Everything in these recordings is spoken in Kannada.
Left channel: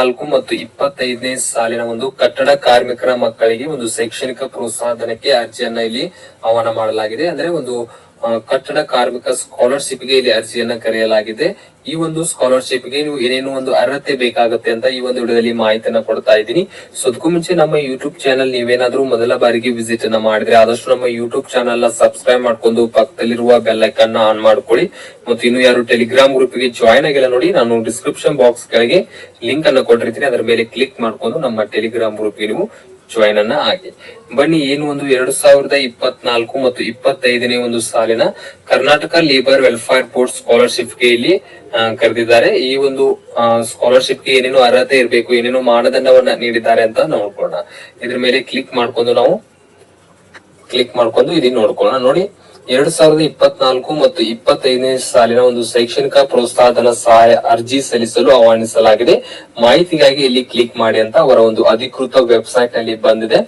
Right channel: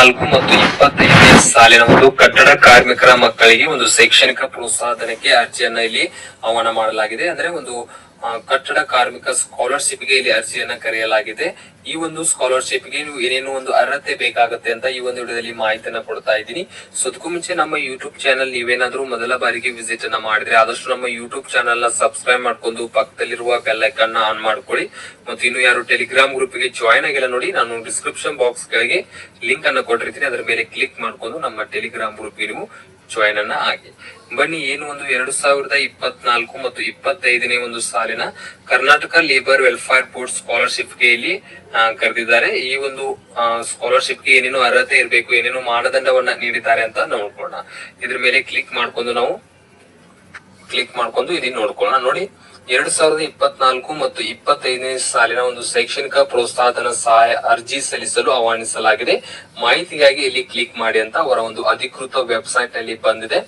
4 ಮತ್ತು 25ನೇ ಸಾಲಿನ ಒಂದು ಕಟ್ಟಡ ಕಾರ್ಮಿಕರ ಮಕ್ಕಳಿಗೆ ಒಂದು ಶೈಕ್ಷಣಿಕ ಪ್ರೋತ್ಸಾಹಧನಕ್ಕೆ ಅರ್ಜಿಯನ್ನ ಇಲ್ಲಿ ಆಹ್ವಾನ ಮಾಡಲಾಗಿದೆ. ಅಂದ್ರೆ ಒಂದು ಕಟ್ಟಡ ಕಾರ್ಮಿಕ ಸ್ಕಾಲರ್ಶಿಪ್ ಗೆ ಇಲ್ಲಿ ಅರ್ಜಿಯನ್ನ ಕರೆಯಲಾಗಿದೆ. ಈ ಒಂದು ಸ್ಕಾಲರ್ಶಿಪ್ ಗೆ ನೀವು ಏನೇನು ಒಂದು ಅರ್ಹತೆ ಬೇಕಾಗುತ್ತೆ ಅಂತ ಈ ಒಂದು ವಿಡಿಯೋದಲ್ಲಿ ಮಾಹಿತಿಯನ್ನ ಕೊಡ್ತಾ ಇದ್ದೀನಿ. ಸೊ ಅದಕ್ಕೂ ಮುಂಚೆ ನಮ್ಮ ಯೂಟ್ಯೂಬ್ ಚಾನಲ್ ನೀವೇನಾದ್ರೂ ಮೊದಲ ಬಾರಿಗೆ ವಿಸಿಟ್ ಅನ್ನ ಮಾಡಿದ್ರೆ ಆದಷ್ಟು ನಮ್ಮ ಯೂಟ್ಯೂಬ್ ಚಾನಲ್ ನ ಸಬ್ಸ್ಕ್ರೈಬ್ ಮಾಡ್ಕೊಂಡು ಪಕ್ಕದಲ್ಲಿರುವ ಬೆಲ್ ಐಕಾನ್ ನ ಆನ್ ಮಾಡ್ಕೊಳ್ಳಿ. ಮತ್ತು ಇನ್ನು ಯಾರು ಟೆಲಿಗ್ರಾಮ್ ಗ್ರೂಪ್ ಗೆ ಜಾಯ್ನ್ ಆಗಿಲ್ಲ ನೋಡಿ, ನಾನು ಡಿಸ್ಕ್ರಿಪ್ಷನ್ ಬಾಕ್ಸ್ ಕೆಳಗೆ ಲಿಂಕ್ ಅನ್ನ ಕೊಟ್ಟಿರ್ತೀನಿ, ಅದರ ಮೇಲೆ ಕ್ಲಿಕ್ ಮಾಡ್ಕೊಂಡು ನಮ್ಮ ಟೆಲಿಗ್ರಾಮ್ ಗ್ರೂಪ್ ಗೆ ನೀವು ಜಾಯಿನ್ ಅನ್ನ ಆಗಿ. ಬನ್ನಿ, ಏನು ಒಂದು 2024 ಮತ್ತು 25ನೇ ಒಂದು ಸಾಲಿನ Karnataka labour welfare board scholarship ಗೆ ಇಲ್ಲಿ ಕರೆದಿದ್ದಾರೆ. ಈ ಒಂದು ಸ್ಕಾಲರ್ಶಿಪ್ ಗೆ ಏನೇನು ಅರ್ಹತೆ ಇರಬೇಕು, ಏನೇನು ಮಾನದಂಡವನ್ನ ನೀಡಿದ್ದಾರೆ ಅಂತ ನೋಡ್ಕೊಳ್ಳೋಣ. ಇದ್ರ ಮೇಲೆ ಕ್ಲಿಕ್ ಮಾಡ್ಕೊಂಡು ಇದನ್ನ ನೋಡ್ಕೊಳ್ಳೋಣ. ನೋಡಿ, 2024 ಮತ್ತು 25ನೇ ಸಾಲಿನ ಒಂದು ಶೈಕ್ಷಣಿಕ ಪ್ರೋತ್ಸಾಹಧನ ಸಹಾಯ ಅರ್ಜಿ ಸಲ್ಲಿಸಲು ಆಹ್ವಾನಿಸಲಾಗಿದೆ. ಮಾಹಿತಿಗಾಗಿ ಇಲ್ಲಿ ಕ್ಲಿಕ್ ಮಾಡಿ ಅಂತ ಅವರ ಒಂದು ಅಧಿಕೃತ ವೆಬ್ಸೈಟ್ ನಲ್ಲಿ ಬಂದಿದೆ.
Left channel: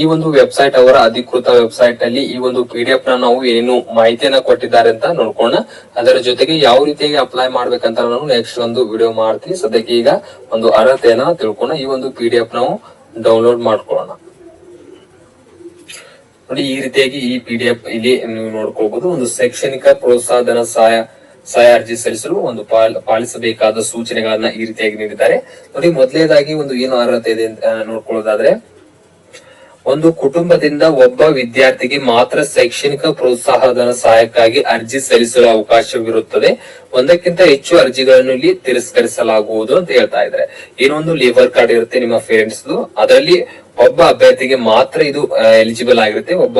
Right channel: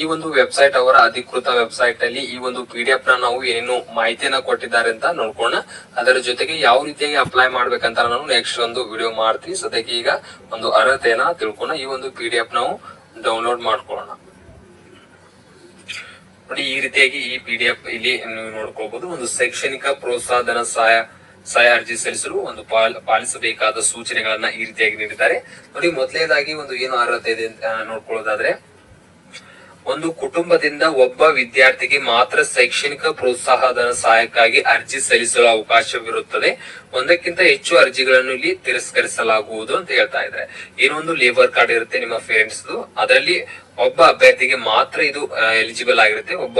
ಈ ಒಂದು ವೆಬ್ಸೈಟ್ ಅವರ ಅಧಿಕೃತ ವೆಬ್ಸೈಟ್ ನಲ್ಲಿ ಈ ಒಂದು PDF ನ ನಾವು ಏನೇನು ಮಾಹಿತಿಯನ್ನ ಕೊಟ್ಟಿದ್ದಾರೆ ಅಂತ ನೋಡ್ಕೊಳ್ಳೋಣ. ಅದರ ಜೊತೆಗೆ ಯಾವ ರೀತಿಯಾಗಿ ಅಪ್ಲೈ ಮಾಡ್ಬೇಕಂತ ನಾನು ನೆಕ್ಸ್ಟ್ ಒಂದು ವಿಡಿಯೋ ಮಾಡ್ತೀನಿ. ಸದ್ಯಕ್ಕೆ ಈಗ ಒಂದು ಅರ್ಹತೆಯನ್ನ ತಿಳ್ಕೊಳ್ಳೋಣ. ಈ ಒಂದು PDF ನಾವು ಡೌನ್ಲೋಡ್ ಮಾಡ್ಕೊಳ್ಳೋಣ. ನೋಡಿ, ಈ ರೀತಿಯಾಗಿ ಈ PDF ಇಲ್ಲಿ ನೀವು ನೋಡ್ಕೋಬಹುದು. ಒಂದು ಶೈಕ್ಷಣಿಕ ಪ್ರೋತ್ಸಾಹಧನ ಸಹಾಯ ಅರ್ಜಿ ಸಲ್ಲಿಸಲು ಒಂದು ಪಾಲಿಸಬೇಕಾದ ಸೂಚನೆಗಳನ್ನ ಈ ರೀತಿಯಾಗಿ ನೀಡಿದ್ದಾರೆ. ನೋಡಿ, ಮೊದಲನೇದಾಗಿ ಒಂದು ಏನು ಅರ್ಹತೆ ಇದೆ ಅಂತ ನೋಡ್ಕೊಳ್ಳೋದಾದ್ರೆ, ಒಂದು ಕುಟುಂಬದಿಂದ ಒಬ್ಬ ವಿದ್ಯಾರ್ಥಿಗೆ ಮಾತ್ರ ಶೈಕ್ಷಣಿಕ ಪ್ರೋತ್ಸಾಹಧನ ಸಹಾಯಕ್ಕಾಗಿ ಅರ್ಜಿ ಸಲ್ಲಿಸಲು ಅವಕಾಶವಿರುತ್ತದೆ. ಒಂದಕ್ಕಿಂತ ಹೆಚ್ಚು ಅರ್ಜಿಗಳನ್ನು ಇಲ್ಲಿ ತಿರಸ್ಕರಿಸಲಾಗುವುದು ಅಂತ ಹೇಳ್ತಾ ಇದ್ದಾರೆ. ಏನೊಂದು ಲೇಬರ್ ಕಾರ್ಡ್ ಇರುತ್ತೆ ನಿಮ್ಮ ಪೇರೆಂಟ್ಸ್, ಅದರಲ್ಲಿ ಒಬ್ಬ ಅಭ್ಯರ್ಥಿಗೆ ಮಾತ್ರ ಇದು ಎಲಿಜಿಬಲ್ ಆಗಿರುತ್ತೆ. ಒಬ್ಬ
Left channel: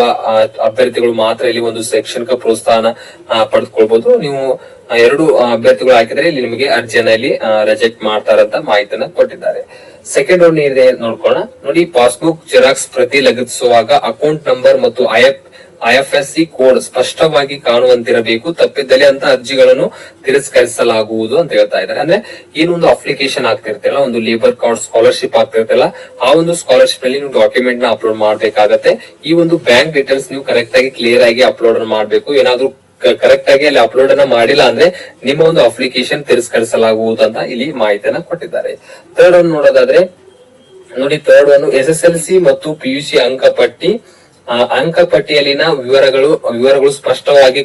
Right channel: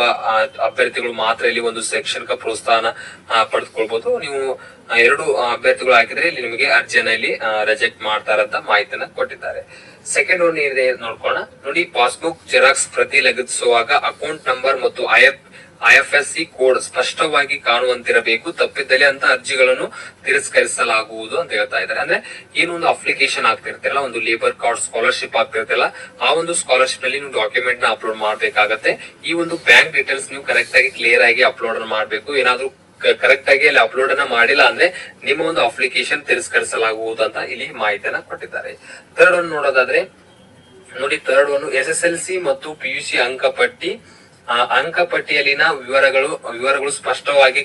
ಅಭ್ಯರ್ಥಿಗಳು ಮಾತ್ರ ಇಲ್ಲಿ ಒಂದು ಶೈಕ್ಷಣಿಕ ಪ್ರೋತ್ಸಾಹನ ಪಡೆದುಕೊಳ್ಬಹುದು. ನೀವು 2 ಅಭ್ಯರ್ಥಿಗಳು ಹಾಕಿದ್ರೆ ಇಲ್ಲಿ ನಿಮಗೆ ಅರ್ಜಿಯನ್ನ ಇಲ್ಲಿ ರಿಜೆಕ್ಟ್ ಮಾಡ್ತಾರಂತ ಮಾಹಿತಿಯನ್ನ ಕೊಟ್ಟಿದ್ದಾರೆ. ಸೆಕೆಂಡ್ ಒನ್ ಇದೆ ನೋಡ್ಕೊಳ್ಳೋಣ. ನೋಡಿ, ಪಾಸ್ಬುಕ್ ಜೆರಾಕ್ಸ್ ಪ್ರತಿ ಲಗತ್ತಿಸುವಾಗ ಅಕೌಂಟ್ ನಂಬರ್ ಮತ್ತು IFSC ಕೋಡ್ ಸ್ಪಷ್ಟವಾಗಿ ಕಾಣುವಂತಿರಬೇಕು. ತಪ್ಪಿದ್ದಲ್ಲಿ ಅಂತ ಅರ್ಜಿಗಳನ್ನು ತಿರಸ್ಕರಿಸಲಾಗುವುದು ಅಂತ ಹೇಳ್ತಾ ಇದ್ದಾರೆ. ಅಂದ್ರೆ ಏನೊಂದು ಅಪ್ಲಿಕೇಶನ್ ಆಗ್ತಿರ್ತಲ್ಲ, ಒಂದು ಲೇಬರ್ ಕಾರ್ಡ್ ಸ್ಕಾಲರ್ಶಿಪ್ ಆಗ್ತಿರ್ತಲ್ಲ, ಆ ಒಂದು ಸ್ಕಾಲರ್ಶಿಪ್ ನಲ್ಲಿ ನೀವು ಡಾಕ್ಯುಮೆಂಟ್ ನ ಅಪ್ಲೋಡ್ ಮಾಡ್ಬೇಕಾಗತ್ತೆ. ಈ ಒಂದು ಬ್ಯಾಂಕ್ ಡೀಟೇಲ್ಸ್ ನೀವು ಕರೆಕ್ಟ್ ಆಗಿ ಕ್ಲಿಯರ್ ಆಗಿ ಅಪ್ಲೋಡ್ ಮಾಡ್ಬೇಕು. ಏನಾದ್ರೂ ಕರೆಕ್ಟ್ ಆಗಿ ಅಲ್ಲಿ ಅಪ್ಲೋಡ್ ಅನ್ನ ಮಾಡಿಲ್ಲ ಅಂದ್ರೆ ನಿಮ್ಮ ಒಂದು ಅಪ್ಲಿಕೇಶನ್ ತಿರಸ್ಕರಿಸಲಾಗುವುದು ಅಂತ ಇಲ್ಲಿ ಮಾಹಿತಿಯನ್ನ ಕೊಟ್ಟಿದ್ದಾರೆ. ಥರ್ಡ್ ಒನ್ ನೋಡೋದಾದ್ರೆ, ನೋಡಿ, ಥರ್ಡ್ ಒನ್ SSLC ಮತ್ತು PUC ಅಂಕಪಟ್ಟಿಯಲ್ಲಿನ ವಿವರಗಳು ಸ್ಪಷ್ಟವಾಗಿ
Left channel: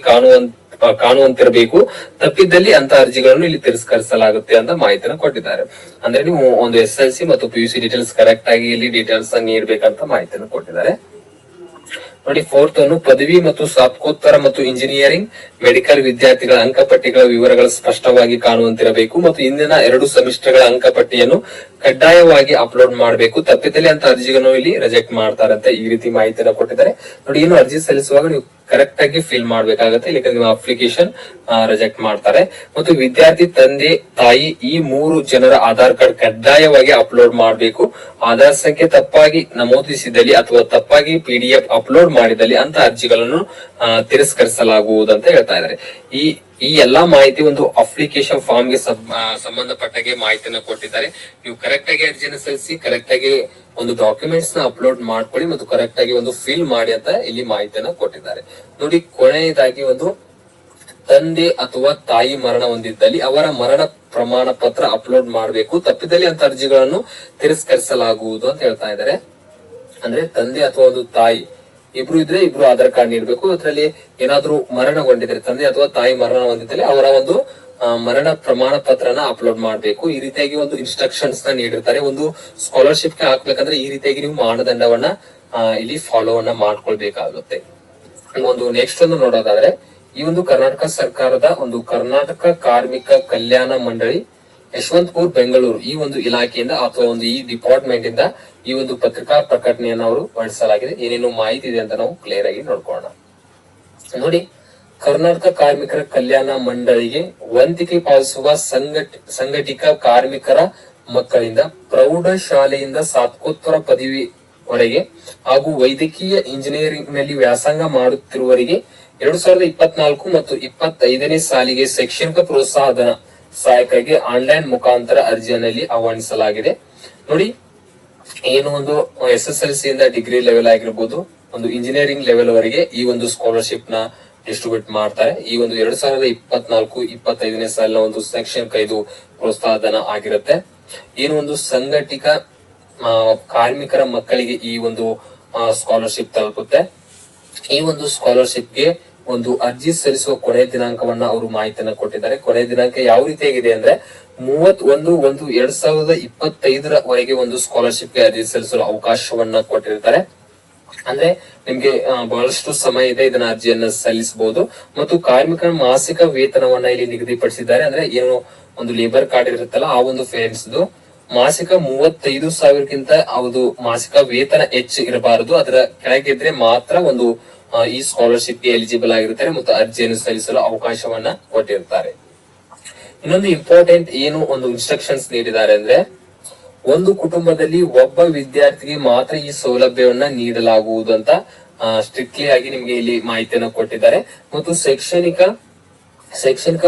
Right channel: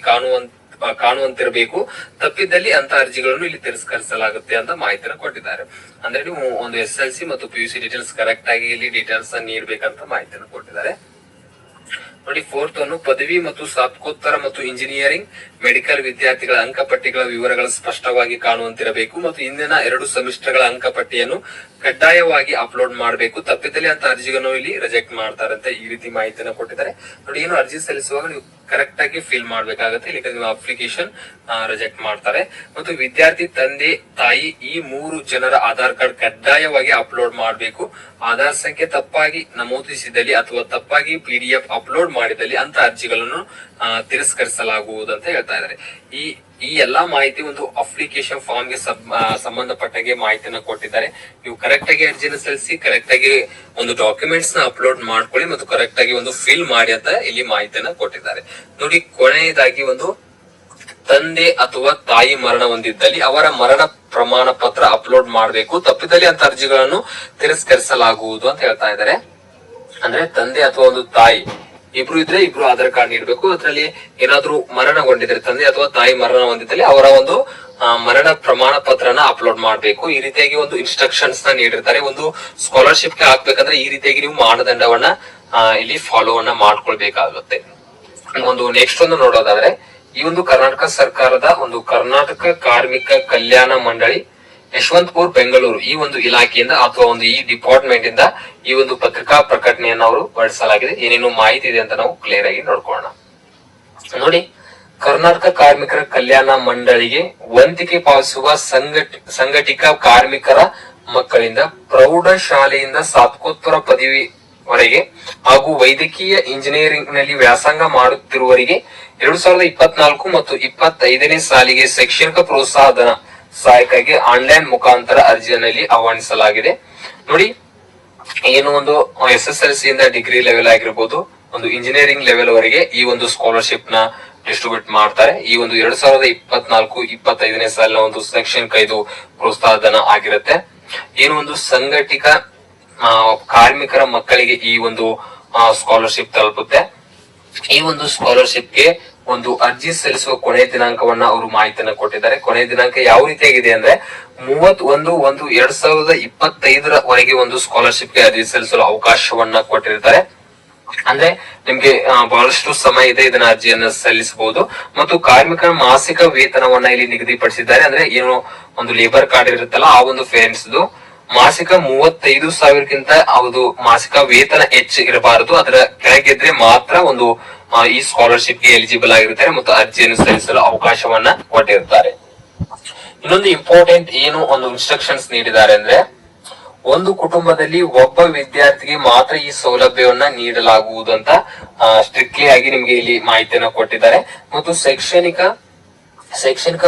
ಕಾಣುವಂತಿರಬೇಕು. ತಪ್ಪಿದ್ದಲ್ಲಿ ಅಂತ ಅರ್ಜಿಗಳನ್ನು ಇಲ್ಲಿ ತಿರಸ್ಕರಿಸಲಾಗುತ್ತೆ ಅಂತ ಮಾಹಿತಿನ ಕೊಟ್ಟಿದ್ದಾರೆ. ಅಂದ್ರೆ ನೀವು ಒಂದು SSLC ಮತ್ತು PUC ಡೀಟೇಲ್ಸ್ ಕರೆಕ್ಟ್ ಆಗಿ ಇಲ್ಲಿ ಡೀಟೇಲ್ಸ್ ನೀಡಬೇಕಂತ ಮಾಹಿತಿಯನ್ನು ಕೊಟ್ಟಿದ್ದಾರೆ. ನೋಡಿ, ಫೋರ್ತ್ ಅನ್ನು ಪದವಿ ಮತ್ತು ಸ್ನಾತಕೋತ್ತರ ಮತ್ತು ಇಂಜಿನಿಯರಿಂಗ್ ಮೆಡಿಕಲ್ ವಿದ್ಯಾರ್ಥಿಗಳ ಅಂಕಪಟ್ಟಿಗಳ ವಿವರಗಳು ಸ್ಪಷ್ಟವಾಗಿ ಕಾಣುವಂತಿರಬೇಕು ಮತ್ತು ಇಂದಿನ 2 ಸೆಮಿಸ್ಟರ್ಗಳ ಅಂಕಪಟ್ಟಿಯನ್ನು ಕಡ್ಡಾಯವಾಗಿ ಅಪ್ಲೋಡ್ ಮಾಡಬೇಕು. ತಪ್ಪಿದಲ್ಲಿ ಅಂತ ಅರ್ಜಿಗಳನ್ನು ಇಲ್ಲಿ ರಿಜೆಕ್ಟ್ ಮಾಡ್ತಾರಂತೆ. ಈ ರೀತಿ ಮಾಹಿತಿಯನ್ನು ಕೊಟ್ಟಿದ್ದಾರೆ. ನೋಡಿ, ಏನು ಅರ್ಜಿ ಸಲ್ಲಿಸುವಾಗ ನೀವು ಕರೆಕ್ಟ್ ಆಗಿ ಫಿಲ್ ಮಾಡ್ಬೇಕಾಗತ್ತೆ, ಇಲ್ಲಕ್ಕೆ ನೀವು ಅಪ್ಲಿಕೇಶನ್ ರಿಜೆಕ್ಟ್ ಮಾಡ್ತಾರೆ. ಮತ್ತು ವಿದ್ಯಾರ್ಥಿ ತಂದೆ ತಾಯಿ ಈ 3 ಜನರ ಆಧಾರ್ ಕಾರ್ಡ್ ಕಡ್ಡಾಯವಾಗಿ ಅಪ್ಲೋಡ್ ಮಾಡಬೇಕು. ಆಧಾರ್ ಸಂಖ್ಯೆ ತಪ್ಪಾಗಿ ನಮೂದಿಸಿದಲ್ಲಿ ಅಥವಾ ತಪ್ಪಾಗಿ PDF ಅಪ್ಲೋಡ್ ಮಾಡಿದಲ್ಲಿ ಅಂತ ಅರ್ಜಿಗಳನ್ನು ತಿರಸ್ಕರಿಸಲಾಗುವುದು ಅಂತ ಹೇಳ್ತಾ ಇದ್ದಾರೆ. ಈ ಎಲ್ಲಾ ಮಾಹಿತಿ ಒಂದು ಅಪ್ಲಿಕೇಶನ್ ಫಾರ್ಮ್ ಗೆ ಸಂಬಂಧಪಟ್ಟಾಗೆ ಮಾಹಿತಿಯನ್ನ ಕೊಟ್ಟಿದ್ದಾರೆ. ನೀವು ಕರೆಕ್ಟ್ ಆಗಿ ಅರ್ಜಿನ ಸಲ್ಲಿಸಿ, ಕರೆಕ್ಟ್ ಆಗಿ ಒಂದು ಡಾಕ್ಯುಮೆಂಟ್ಸ್ ನ ಅಪ್ಲೋಡ್ ಮಾಡ್ಕೊಳ್ಳಿ ಮತ್ತು ಕರೆಕ್ಟ್ ಆಗಿ ಒಂದು ಫಿಲ್ ಮಾಡಿ ಅಂತ ಇಲ್ಲಿ ಮಾಹಿತಿಯನ್ನ ಕೊಟ್ಟಿದ್ದಾರೆ. ನೋಡಿ, ಕೊನೆಯದಾಗಿ ಒಂದು ತಂದೆ ಅಥವಾ ತಾಯಿ ಮರಣ ಹೊಂದಿದ್ದಲ್ಲಿ ಅವರ ಮರಣ ಪ್ರಮಾಣ ಪತ್ರ ಅಪ್ಲೋಡ್ ಮಾಡಬೇಕು. ತಪ್ಪಿದಲ್ಲಿ ಅಂತ ಅರ್ಜಿಗಳನ್ನು ತಿರಸ್ಕರಿಸಲಾಗುವುದು ಅಂತ ಹೇಳ್ತಾ ಇದ್ದಾರೆ. ಅಂದ್ರೆ ತಂದೆ ಅಥವಾ ಒಂದು ತಾಯಿ ಇಬ್ರು ಇದ್ರೆ ಇಬ್ರು ಆಧಾರ್ ಕಾರ್ಡ್ ನೀಡಬೇಕು. ಅದರಲ್ಲಿ ಏನಾದ್ರೂ ಮರಣಗೊಂಡಿದ್ರೆ, ತಂದೆ ಅಥವಾ ತಾಯಿ ಮರಣ ಹೊಂದಿದ್ದಲ್ಲಿ ಅವರ ಒಂದು ಮರಣ ಪ್ರಮಾಣ ಪತ್ರನ ಅಪ್ಲೋಡ್ ಮಾಡಬೇಕು. ಈ ರೀತಿಯಾಗಿ ಒಂದು ಇನ್ಸ್ಟ್ರಕ್ಷನ್ಸ್ ನ ನೀಡಿರ್ತಾರೆ. ಒಂದು ಸ್ಕಾಲರ್ಶಿಪ್ ಗೆ ಹಾಕ್ಬೇಕಂದ್ರೆ ಈ ರೀತಿಯಾಗಿ ನೀವು ಮಾನದಂಡವನ್ನ ಇಲ್ಲಿ ಫಾಲೋ ಅನ್ನ ಮಾಡ್ಕೊಳ್ಬೇಕಾಗುತ್ತೆ. ಒಂದು ನೆಕ್ಸ್ಟ್ ಒಂದು ನೋಡೋದಾದ್ರೆ, ಈ ಒಂದು ಕರ್ನಾಟಕ ಸರ್ಕಾರದ ಒಂದು ಕರ್ನಾಟಕ ಕಾರ್ಮಿಕ ಕಲ್ಯಾಣ ಮಂಡಳಿ ಯಶವಂತಪುರ ಬೆಂಗಳೂರು ಈ ಒಂದು ಇಲಾಖೆಯಿಂದ ಅಥವಾ ಒಂದು ಈ ಡಿಪಾರ್ಟ್ಮೆಂಟ್ ಇಂದ ಈ ಒಂದು ಪತ್ರಿಕಾ ಪ್ರಕಟಣೆಯನ್ನು ಅವರು ಹೊರಡಿಸಲಾಗಿದೆ. ಏನೇನು ಮಾಹಿತಿ ಇದೆ ಅಂತ ನಾವು ಕ್ಲಿಯರ್ ಆಗಿ ನೋಡ್ಕೊಳ್ಳೋಣ. ನೋಡಿ, ಕರ್ನಾಟಕ ಕಾರ್ಮಿಕರ ಕಲ್ಯಾಣ ಮಂಡಳಿಗೆ ವಂತಿಗೆ ಪಾವತಿಸುವ ಸಂಘಟಿತ ಕಾರ್ಮಿಕರ ಮಕ್ಕಳಿಂದ ಪ್ರೌಢಶಾಲೆಯಿಂದ ಸ್ನಾತಕೋತ್ತರ ಪದವಿವರೆಗೆ ಹಾಗೂ ವೈದ್ಯಕೀಯ ಇಂಜಿನಿಯರಿಂಗ್ ನಲ್ಲಿ ವ್ಯಾಸಂಗ ಮಾಡುತ್ತಿರುವವರಿಗೆ 2024 ಮತ್ತು 25ನೇ ಸಾಲಿಗೆ ಶೈಕ್ಷಣಿಕ ಪ್ರೋತ್ಸಾಹಧನ ಸಹಾಯಕ್ಕಾಗಿ ಆನ್ಲೈನ್ ಮುಖಾಂತರ ಅರ್ಜಿಯಲ್ಲಿ ಆಹ್ವಾನಿಸಲಾಗಿದೆ. ನೋಡಿ, ಏನು ಒಂದು SSLC ಇಂದ ಡಿಗ್ರಿ ಲೆವೆಲ್ ಆಗಿರ್ಬೋದು, ಒಂದು ಇಂಜಿನಿಯರಿಂಗ್ ಲೆವೆಲ್ ವರೆಗೆ ಈ ಒಂದು ಸ್ಕಾಲರ್ಶಿಪ್ ನ ಡಿಸ್ಟ್ರಿಬ್ಯೂಟ್ ಮಾಡ್ತಾರೆ. ಈ ಒಂದು 2024-25ನೇ ಸಾಲಿನ ಒಂದು ಶೈಕ್ಷಣಿಕ ಇದು ಪ್ರೋತ್ಸಾಹಧನ ಆಗಿರುತ್ತೆ. ಏನು ಒಂದು ಸಂಘಟಿತ ಕಾರ್ಮಿಕರ ಮಕ್ಕಳಿಗೆ ಈ ಒಂದು ಸ್ಕಾಲರ್ಶಿಪ್ ತಲುಪುತ್ತೆ. ಈ ಒಂದು ಸ್ಕಾಲರ್ಶಿಪ್ಗೆ ಒಂದು ಅರ್ಜಿ ಸಲ್ಲಿಸುವ ಕೊನೆ ದಿನಾಂಕವನ್ನ ಅವರು ಮಾಹಿತಿಯನ್ನ ಕೊಟ್ಟಿದ್ದಾರೆ. ಕೊನೆ ದಿನಾಂಕ ಯಾವ ರೀತಿಯಾಗಿದೆ ಅಂದ್ರೆ 31/1/2025 ಒಂದು ಸ್ಕಾಲರ್ಶಿಪ್ಗೆ ಅರ್ಜಿ ಸಲ್ಲಿಸಲು ಅವಕಾಶವನ್ನ ಕೊಟ್ಟಿರ್ತಾರೆ. ಅಂದ್ರೆ ನಿಮ್ಗೆ ಬಹಳಷ್ಟು ಸಮಯ ಇದೆ ಇದನ್ನ ಅರ್ಜಿಯನ್ನ ಸಲ್ಲಿಸಬಹುದು. ಮತ್ತು ಕಾರ್ಮಿಕರ ಮಾಸಿಕ ವೇತನವನ್ನ ಇಲ್ಲಿ ನಿಗದಿಪಡಿಸಿದ್ದಾರೆ. ಅಂದ್ರೆ ಏನು ಒಂದು ಲೇಬರ್ ಕಾರ್ಡ್ ಇರುತ್ತಲ್ಲ ಆ ಒಂದು ಪೇರೆಂಟ್ಸ್ ಮಾಸಿಕ 35,000ಕ್ಕಿಂತ ಅದು ಮಾಸಿಕ ವೇತನ ಹೆಚ್ಚು ಇರಬಾರದು. ಅದರ ಕೆಳಗಿದ್ರೆ ಮಾತ್ರ ಒಂದು ಈ ಸ್ಕಾಲರ್ಶಿಪ್ ಗೆ ಎಲಿಜಿಬಲ್ ಆಗಿರ್ತಾರೆ ಮತ್ತು ಅರ್ಜಿಯನ್ನು ಸಲ್ಲಿಸಲು ಅವಕಾಶವನ್ನ ಕೊಟ್ಟಿರ್ತಾರೆ. ಇನ್ನೊಂದು ಇಂಪಾರ್ಟೆಂಟ್ ಏನು ಒಂದು ಇನ್ಸ್ಟ್ರಕ್ಷನ್ಸ್ ನೀಡಿದ್ದಾರೆ ಅಂದ್ರೆ, ಒಂದು ಕುಟುಂಬದಲ್ಲಿ ಒಬ್ಬ ವಿದ್ಯಾರ್ಥಿಗೆ ಮಾತ್ರ ಈ ಸೌಲಭ್ಯವನ್ನ ನೀಡಲಾಗುವುದು ಅಂತ ಸ್ಟ್ರಿಕ್ಟ್ಲಿ ಆಗಿ ನಿಮ್ಗೆ ಇಲ್ಲಿ ಮಾಹಿತಿಯನ್ನ ಕೊಟ್ಟಿದ್ದಾರೆ. ಮತ್ತು ಶೈಕ್ಷಣಿಕ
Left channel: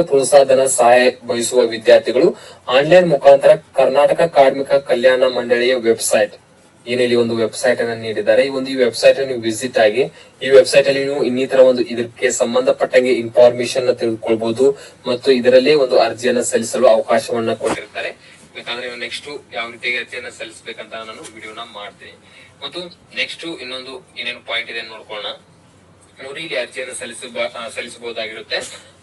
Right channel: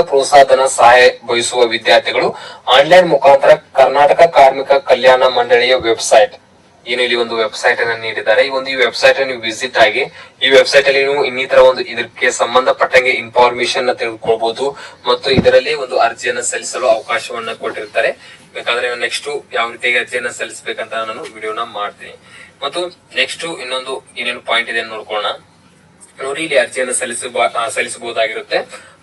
ಪ್ರೋತ್ಸಾಹನ ಸಹಾಯ ಬಯಸುವ ವಿದ್ಯಾರ್ಥಿಗಳು ಆನ್ಲೈನ್ ಮುಖಾಂತರ ಕರ್ನಾಟಕ ಕಾರ್ಮಿಕ ಕಲ್ಯಾಣ ಮಂಡಳಿಯ ವೆಬ್ಸೈಟ್ ಏನು ಇಲ್ಲಿ ಒಂದು ವೆಬ್ಸೈಟ್ ಅನ್ನು ನೀಡಿದ್ದಾರೆ. ಈ ವೆಬ್ಸೈಟ್ ಅನ್ನು ವಿಸಿಟ್ ಆಗಿ ಈ ವೆಬ್ಸೈಟ್ ಅಲ್ಲಿ ನೀವು ಇನ್ನಿತರ ಒಂದು ಇದಕ್ಕೆ ಸಂಬಂಧಪಟ್ಟಂಗೆ ಇನ್ಫಾರ್ಮೇಶನ್ ತಿಳ್ಕೊಳ್ಬಹುದು ಮತ್ತು ಇದರಲ್ಲಿ ಒಂದು ಅರ್ಜಿಯನ್ನು ಸಲ್ಲಿಸಲು ಅವಕಾಶವನ್ನ ಕೊಟ್ಟಿರ್ತಾರೆ. ಬೇಕಾದ್ರೆ ನೆಕ್ಸ್ಟ್ ಯಾವ ರೀತಿಯಾಗಿ ಅರ್ಜಿಯನ್ನ ಸಲ್ಲಿಸಬೇಕಂತ ನಾನು ವಿಡಿಯೋನ ಮಾಡ್ತೀನಿ. ಮತ್ತು ನೆಕ್ಸ್ಟ್ ಇನ್ನೊಂದು ಏನೇನು ಪಾಯಿಂಟ್ ಇದೆ ನೋಡ್ಕೊಳ್ಳೋಣ. ನೋಡಿ, ಇಲ್ಲಿ ಅರ್ಜಿಯನ್ನು ಸಲ್ಲಿಸಬಹುದಾಗಿರುತ್ತೆ.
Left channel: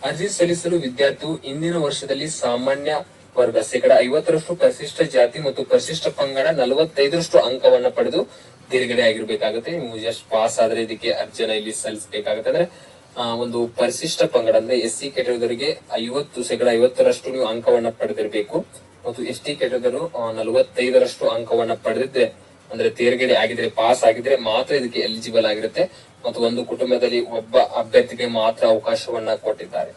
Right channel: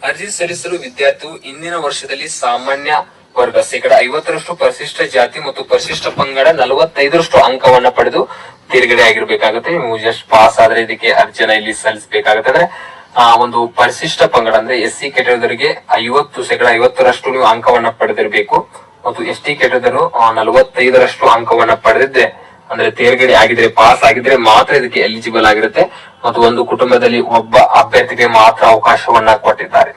ಅರ್ಜಿ ಸಲ್ಲಿಸಲು ವಿದ್ಯಾರ್ಥಿಯು ಇಂದಿನ ವರ್ಷದಲ್ಲಿ ಸಾಮಾನ್ಯ ವರ್ಗ 50% ಪರಿಶಿಷ್ಟ ಜಾತಿ ಮತ್ತು ಪರಿಶಿಷ್ಟ ಪಂಗಡ 45% ಅಂಕವನ್ನ ಪಡೆದು ತೇರ್ಗಡೆ ಆಗಿರ್ಬೇಕಾಗುತ್ತೆ. ನೀವು ಜಸ್ಟ್ ಪಾಸ್ ಆದ್ರೆ ಇದಕ್ಕೆ ಅರ್ಜಿಯನ್ನ ಇಲ್ಲಿ ಸಲ್ಲಿಸಬೇಕಾಗುತ್ತೆ. ಅಂದ್ರೆ ಒಂದು ಪರಿಶಿಷ್ಟ ಪಂಗಡ ಅಂದ್ರೆ SC ಕೆಟಗರಿಗೆ 50% ನೀವು ಅಂಕವನ್ನ ಪಡೆದಿರಬೇಕು ಮತ್ತು ST ಕೆಟಗರಿ 45% ಅಂಕವನ್ನ ಪಡೆದಿದ್ದೆ ಅಂದ್ರೆ ತೇರ್ಗಡೆ ಆಗಿದ್ರೆ, ಪಾಸ್ ಆಗಿದ್ರೆ ಮಾತ್ರ ಇದಕ್ಕೆ ಎಲಿಜಿಬಲ್ ಆಗಿರುತ್ತೆ. ಮತ್ತು ಒಂದು ಕುಟುಂಬದಲ್ಲಿ ಒಬ್ಬ ಅಭ್ಯರ್ಥಿಗೆ ಮಾತ್ರ ಅವಕಾಶವನ್ನ ಕೊಟ್ಟಿದ್ದಾರೆ.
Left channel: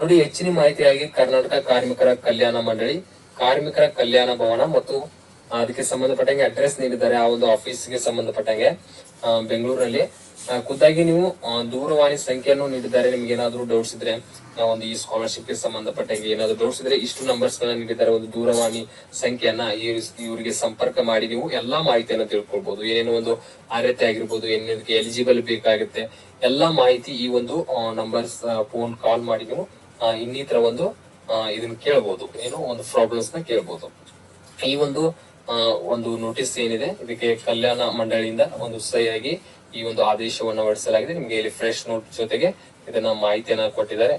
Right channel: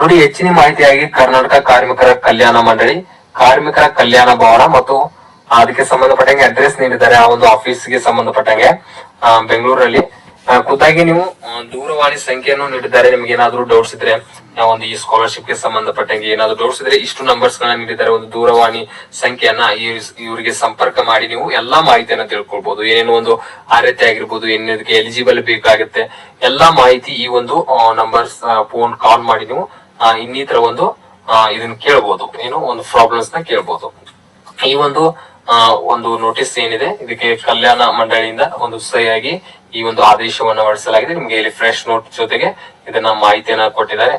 ನೋಡಿ, ಹೆಚ್ಚಿನ ಮಾಹಿತಿಯಾಗಿ ಕರ್ನಾಟಕ ಕಾರ್ಮಿಕರ ಕಲ್ಯಾಣ ಮಂಡಳಿ, ಕಾರ್ಮಿಕರ ಕಲ್ಯಾಣ ಭವನ ಮತ್ತು ಅದಕ್ಕೆ ಸಂಬಂಧಪಟ್ಟಂಗೆ ಅಡ್ರೆಸ್ ನೀಡಿದ್ದಾರೆ. ಆ ಒಂದು ಆಫೀಸ್ಗೆ ಸಂಬಂಧಪಟ್ಟಂಗೆ ಬೆಂಗಳೂರಲ್ಲಿ ಖುದ್ದಾಗಿ ನೀವು ದೂರವಾಣಿ ಸಂಖ್ಯೆಯನ್ನು ನೀಡಿದ್ದಾರೆ. ನಿಮ್ಗೆ ಏನಾದ್ರು ಡೌಟ್ಸ್ ಇದ್ರೆ ಒಂದು ಈ ಸ್ಕಾಲರ್ಶಿಪ್ ಗೆ ಸಂಬಂಧಪಟ್ಟಂಗೆ ಏನಾದ್ರು ಡೌಟ್ಸ್ ಇದ್ರೆ ಇಷ್ಟು ನಂಬರ್ಸ್ ಗಳನ್ನ ನೀಡಿದ್ದಾರೆ. ಒಂದು ದೂರವಾಣಿ ಸಂಖ್ಯೆಯನ್ನ ಇವರಿಗೆ ಸಂಪರ್ಕ ಮಾಡಿ ನೀವು ಎಲ್ಲಾ ಮಾಹಿತಿಯನ್ನ ತಿಳ್ಕೊಳ್ಬಹುದು. ಏನೇನು ಒಂದು ಅರ್ಹತೆ ಆಗಿರ್ಬೋದು, ಏನಕ್ಕೆ ಎಲಿಜಿಬಲ್ ಬೇಕಾಗುತ್ತೆ, ಎಲ್ಲಾ ಮಾಹಿತಿ ಈ ಒಂದು ನಂಬರ್ಸ್ ಫೋನ್ ಕಾಲ್ ಮಾಡಿ ನೀವು ಇನ್ನಿತರ ಒಂದು ಇದನ್ನ ಕೇಳಬಹುದು, ಏನು ಒಂದು ಪ್ರಾಬ್ಲಮ್ಸ್ ನ ಕೇಳಬಹುದು. ಈ ಒಂದು ನೋಟಿಸ್ ಏನಿದೆ ಇದಕ್ಕೆ ಕಲ್ಯಾಣ ಮಂಡಳಿಯಿಂದ ಒಂದು ಸಹಿಯಾಗಿ ಈ ಒಂದು ಆದೇಶವನ್ನ ಹೊರಡಿಸಲಾಗಿದೆ. ನಿಮ್ಗೆ ಇಲ್ಲಿ ಫ್ರೆಶ್ ನೋಟ್ ಜೊತೆಗೆ ಇದನ್ನ ಮಾಹಿತಿಯನ್ನ ಕೊಟ್ಟಿದ್ದಾರೆ.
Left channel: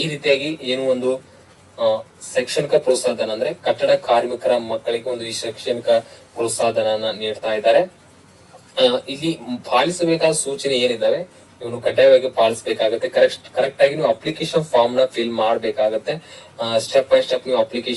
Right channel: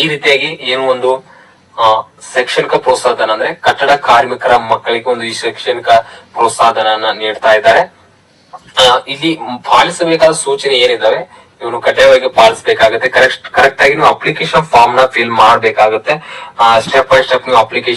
ಈ ರೀತಿಯಾಗಿ ಏನು ಒಂದು ಶೈಕ್ಷಣಿಕ ಪ್ರೋತ್ಸಾಹಧನ ಅಂದ್ರೆ ಕಟ್ಟಡ ಕಾರ್ಮಿಕರ ಮಕ್ಕಳಿಗೆ ಒಂದು ಈ ಶೈಕ್ಷಣಿಕ ಪ್ರೋತ್ಸಾಹಧನ ನೀಡ್ತಾ ಇದ್ದಾರೆ. ಇಲ್ಲಿ ಪಾಲಿಸಬೇಕಾದ ಸೂಚನೆ ಏನಿದಾವೆ ಇವನು ಕಡ್ಡಾಯವಾಗಿ ಪಾಲಿಸಬೇಕಾಗುತ್ತೆ. ಕರೆಕ್ಟ್ ಆಗಿ ನೀವು ಅಪ್ಲಿಕೇಶನ್ ಫಾರ್ಮ್ ನ ಫಿಲ್ ಮಾಡಬೇಕಾಗುತ್ತೆ. ಸ್ಟೆಪ್ ಬೈ ಸ್ಟೆಪ್ ನೀವು ಅಪ್ಲಿಕೇಶನ್